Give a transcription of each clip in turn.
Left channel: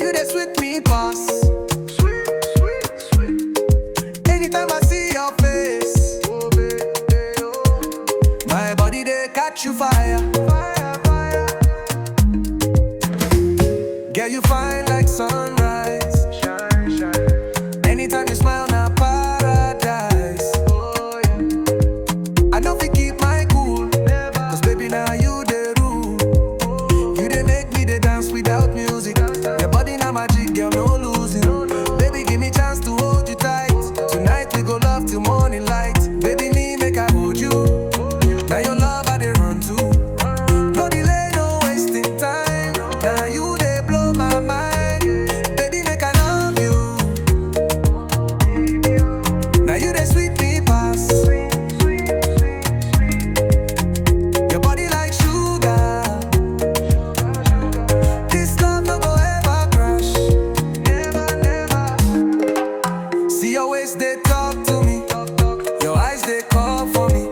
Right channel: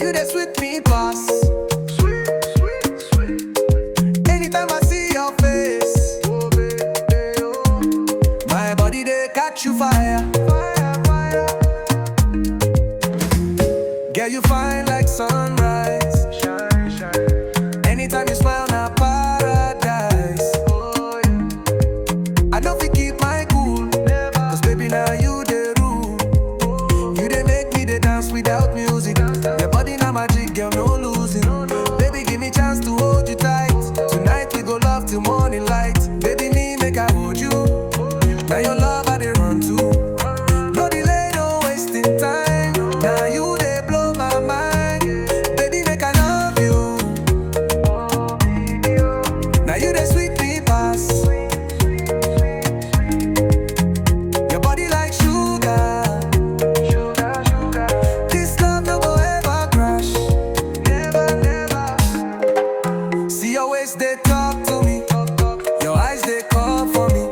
you dey sweet me pass. Sweet, sweet, sweet. Anytime I see your face, oh baby, oh, my body dey catch you fire. Fire, fire. Girl, you fine like sunrise. Shine, shine. Anytime you smile, na paradise. Oh yeah. I don't fit keep my cool, never. Cause baby, now you dey rule. You dey make me dey dance without music. Your body na magic, girl, no losing. Baby, give me chance to hold you tight. Tonight we go love till morning light. Baby, me make I hold you. Now your love I dey run to. No delay, no wasting time. Now you dey blow my mind. Baby, make I love you. Now you dey sweet me pass. Your body like sugar. This love no go ever crash. Never, never. See your waist, they talk to me. Your eyes, they call for me.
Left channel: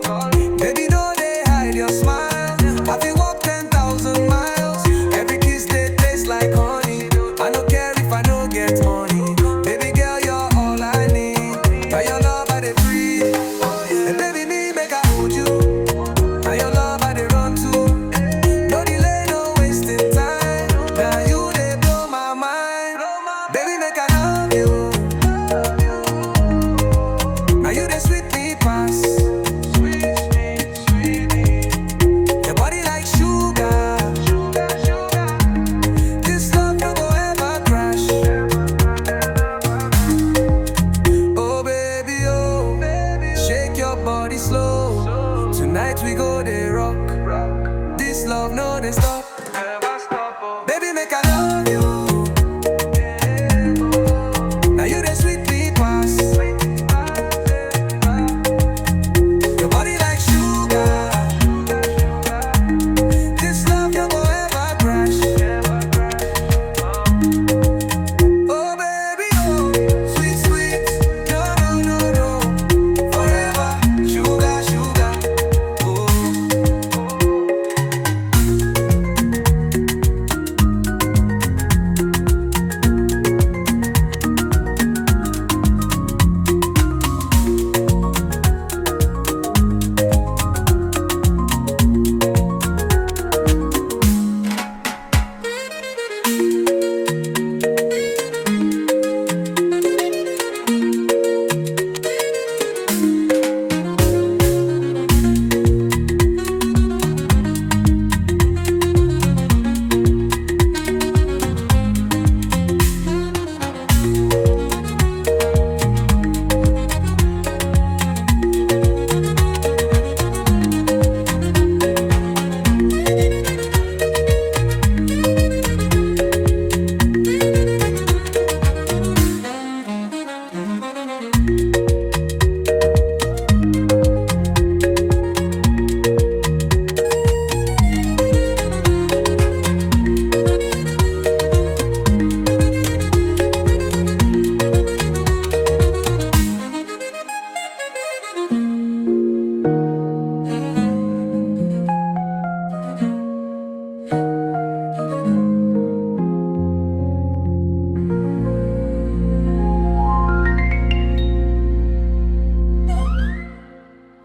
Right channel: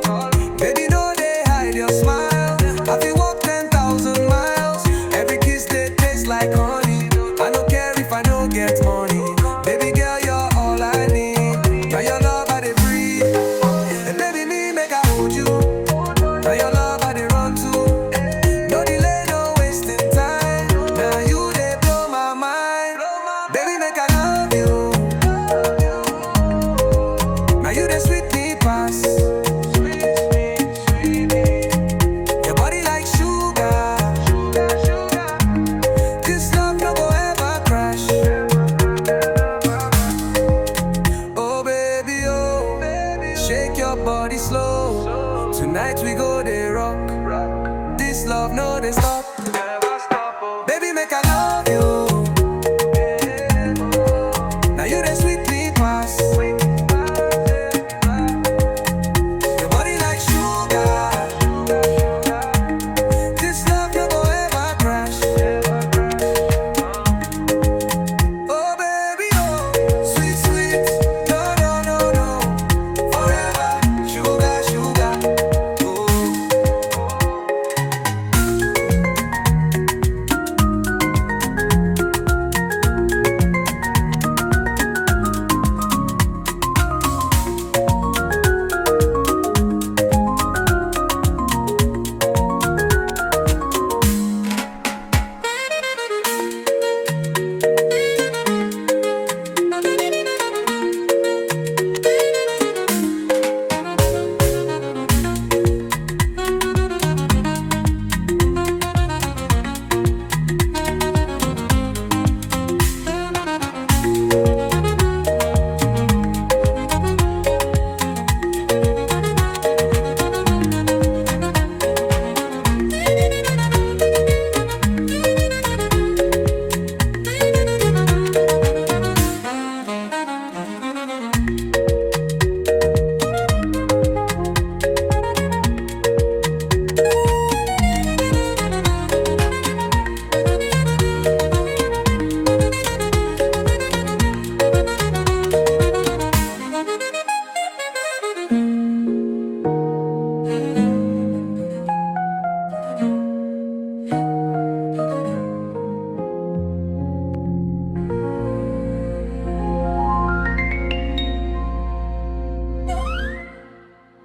Baby, no, they hide your smile. I feel walk 10,000 miles. Every kiss, they taste like honey. I don't care if I don't get money. Baby girl, you're all I need. Now your love, I dey breathe. And baby, me make I hold you. Now your love, I dey run to. No delay, no wasting time. Now you dey blow my mind. Baby, make I love you. Now you dey sweet me pass. Your body like sugar. This love no go ever crash. Oh baby, oh, shake your body slow. Tonight we go dey rock. This love no dey stop.